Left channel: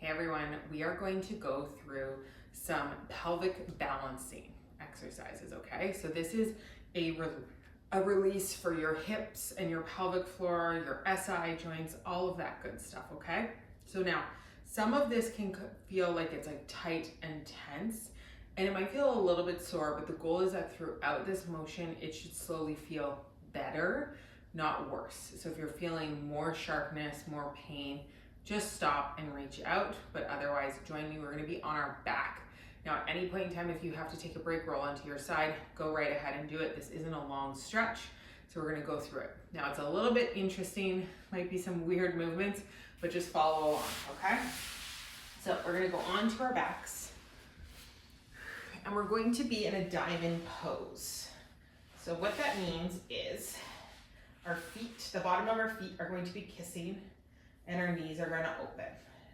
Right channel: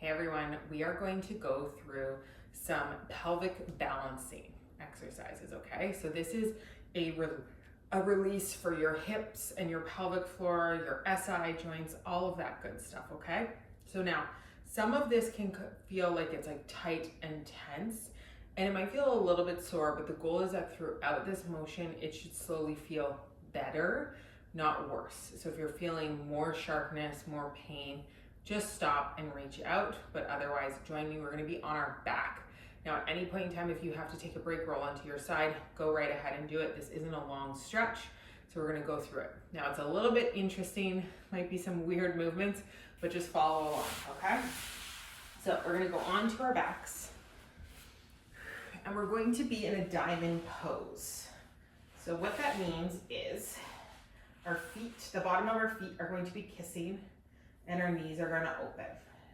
Hey everyone, we are going to go through some pelvic balancing exercises, okay? So this is a release for your hips and your pelvic floor, your SI joints, all of that good stuff, okay? So now, some of this can feel like it's like tight and tense, and it might feel a little bit sore, but the goal is that throughout this motion, it should slowly feel better, not worse. So if you're feeling more sharpness, more pain, just stop and reach out, but otherwise join me. We're gonna be on our back. Now at any point in time, if you have to take a break, roll onto your side, go right ahead and do it. This isn't a long stretch, so we're gonna go through it. Now it's a little bit interesting, might be some weird movements, but just follow along, okay? So we're gonna go onto our backs, and we're going to be in a diamond pose. So what that means is our feet, the bottom of our feet are going to be kissing, and our knees are gonna open.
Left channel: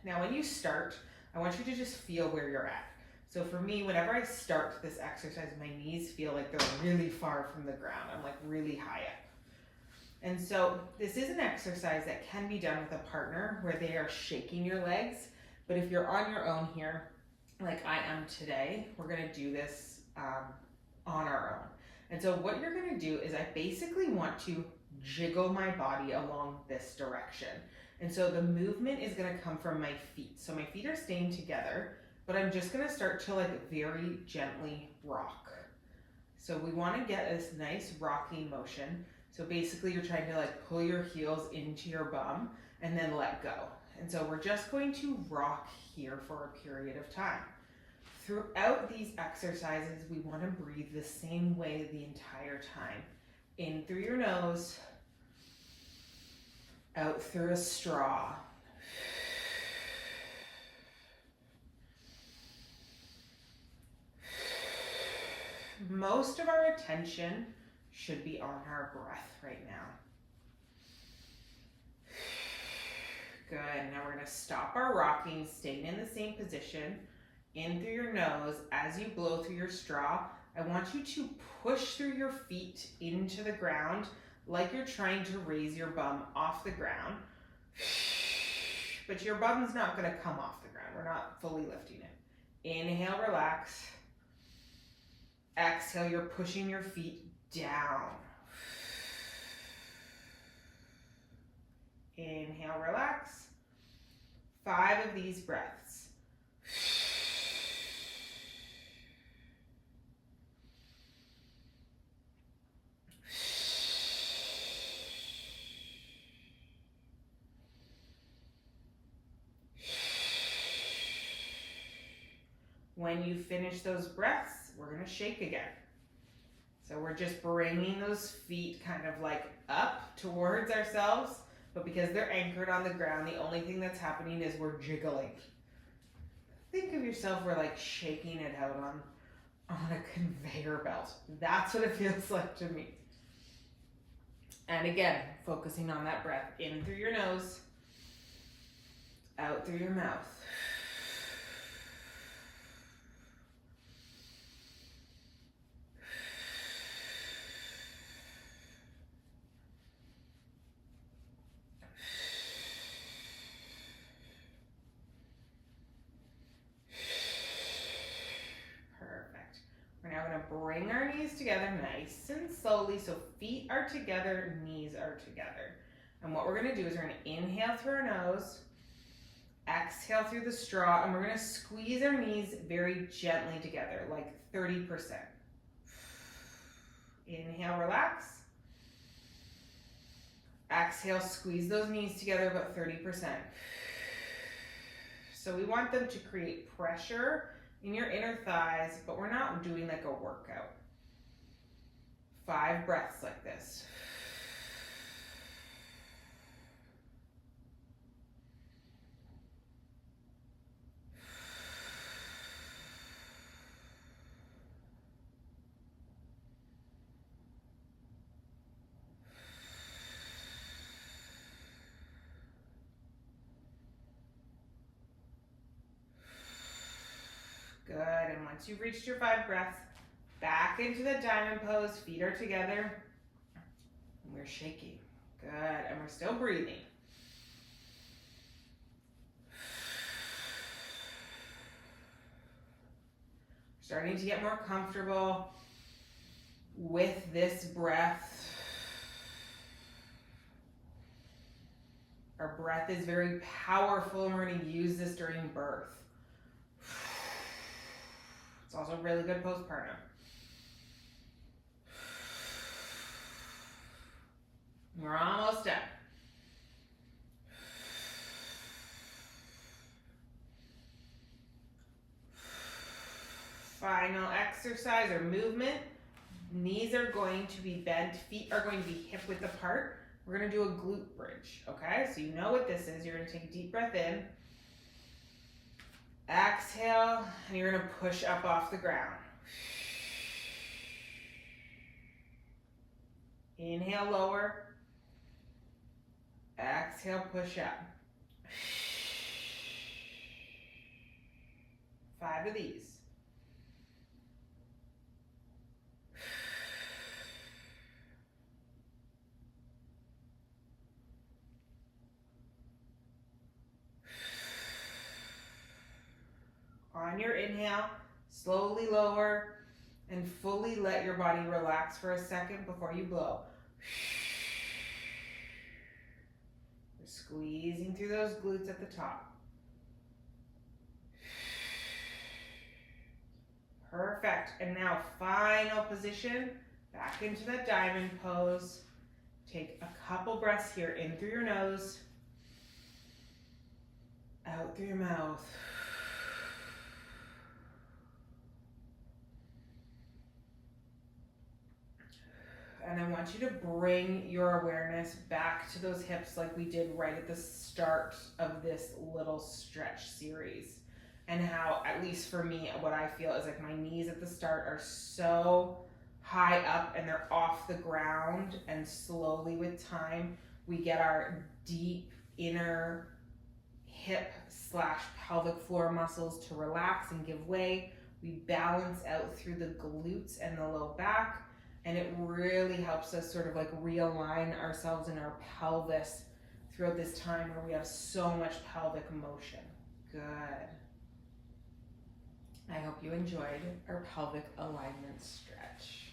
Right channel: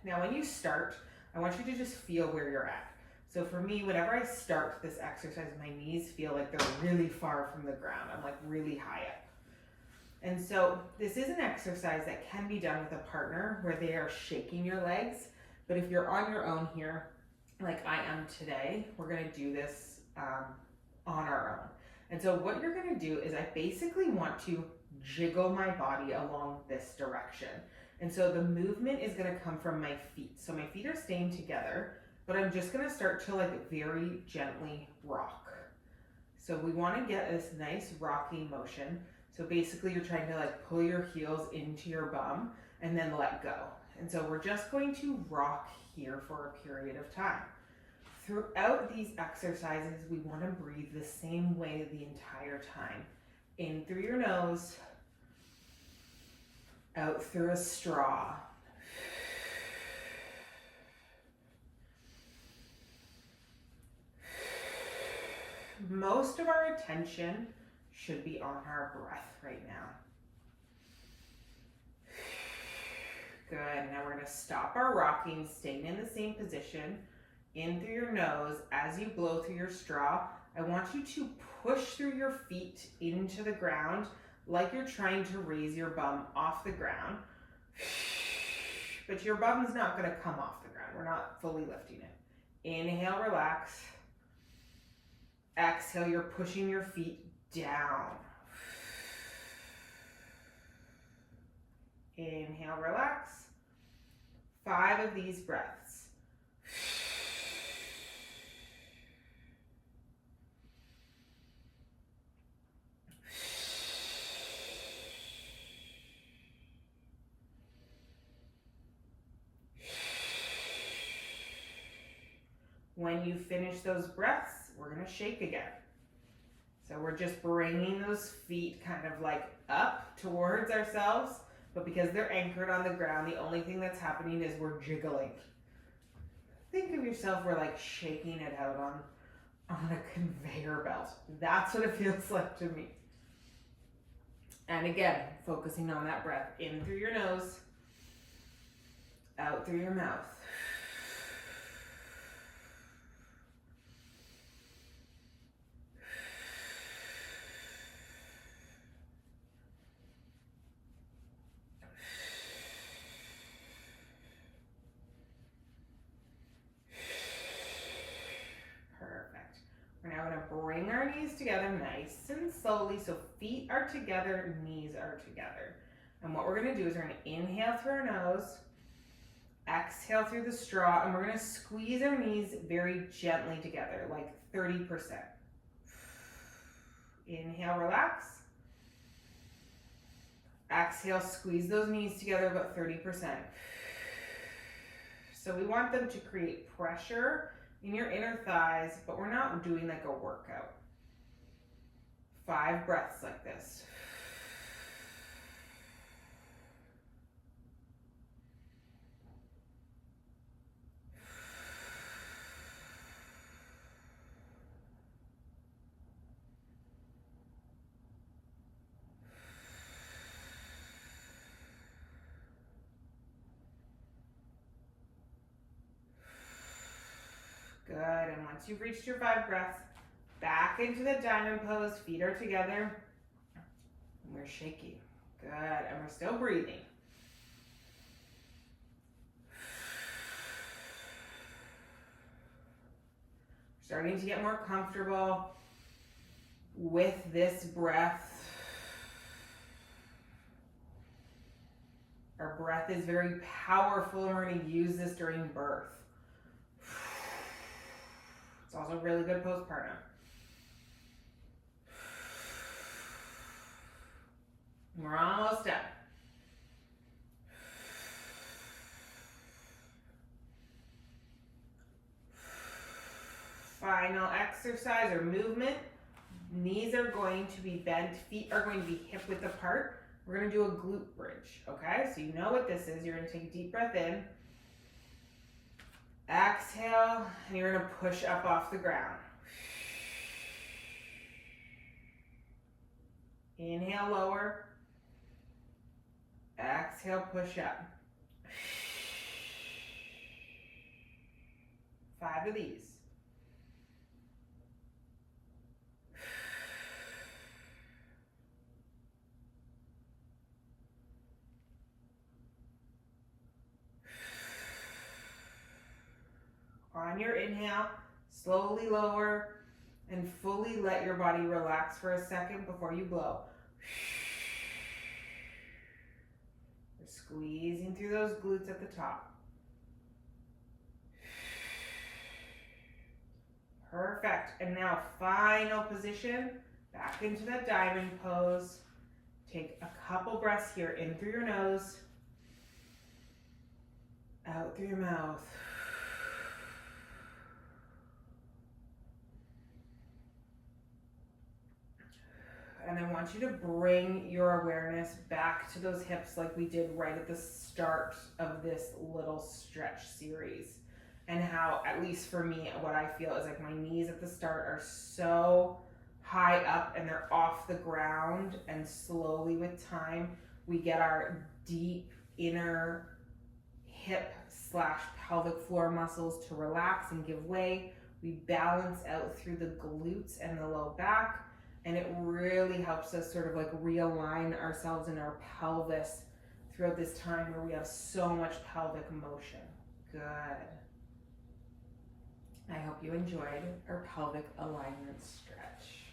Now when you start, I want you to just feel where you're at. So for me, whenever I start this exercise, my knees feel like they're really far from the ground. I'm like really high up. And so this is an exercise that can be done with a partner where they are shaking your legs. But if you're on your own here, like I am today, we're gonna do this on our own. And so what you're gonna do is I basically want to jiggle my body along this direction. And so the movement is gonna come from my feet. So my feet are staying together, but I'm just gonna start to like very gently rock. So we wanna get this nice rocking motion. So basically you're trying to like pull your heels into your bum and then let go. And so we're just going to rock here for a period of time. Throughout these exercises, we wanna breathe the same way the entire time. In through your nose, out through a straw. Most of our attention should be on our breath right now. Good, now we're gonna stop our rocking, staying in the same position. In through your nose, as you blow through your straw, I want you to push through your feet into the ground like you're trying to raise your bum off the ground. But your bum's not gonna come off the ground. We're not fully lifting it. Inhale, relax. Exhale, you're pushing your feet down. Inhale, relax. 5 of these breaths. When you finish those breaths, we're gonna shake again. So we're just bringing those feet kind of like up towards ourselves, but because they're anchored on the ground, the only thing that's happening is we're jiggling. Think of yourself, we're like shaking it out on a conveyor belt. That's what it feels like to me. And again, focusing on that breath, in through your nose, out through your mouth. We're now going to bring our knees together nice and slowly. So feet are together, knees are together. And what we're going to do is we're going to inhale through our nose, exhale through the straw, and we're going to squeeze our knees very gently together, like 30%. Inhale, relax. Exhale, squeeze those knees together about 30%. So we want them to create pressure in your inner thighs, but we're not doing like a workout. 5 breaths like this. Good, and once you've reached your 5 breaths, back into the diamond pose, feet are together, and we're shaking. Good, and we're still breathing. starting to get more comfortable with this breath. Our breath is very powerful, and we're going to use this during birth. It's also really good postpartum. We're almost done. Final exercise or movement. Knees are going to be bent, feet are going to be hip width apart. We're going to do a glute bridge, okay? So you know what this is. You're going to take a deep breath in. Exhale, and you're going to push up off the ground. Inhale, lower. Exhale, push up. 5 of these. On your inhale, slowly lower and fully let your body relax for a second before you blow. You're squeezing through those glutes at the top. Perfect. And now final position, back into that diamond pose. Take a couple breaths here, in through your nose, out through your mouth. And I want you to bring your awareness back to those hips like we did right at the start of this little stretch series. And how, at least for me, what I feel is like my knees at the start are so high up and they're off the ground, and slowly with time, we get our deep inner hip / pelvic floor muscles to relax and give way. We balance out through the glutes and the low back. And it really helps us sort of like realign ourselves in our pelvis throughout this time where we have so much pelvic motion. Good. I hope you enjoyed our pelvic alignment stretch.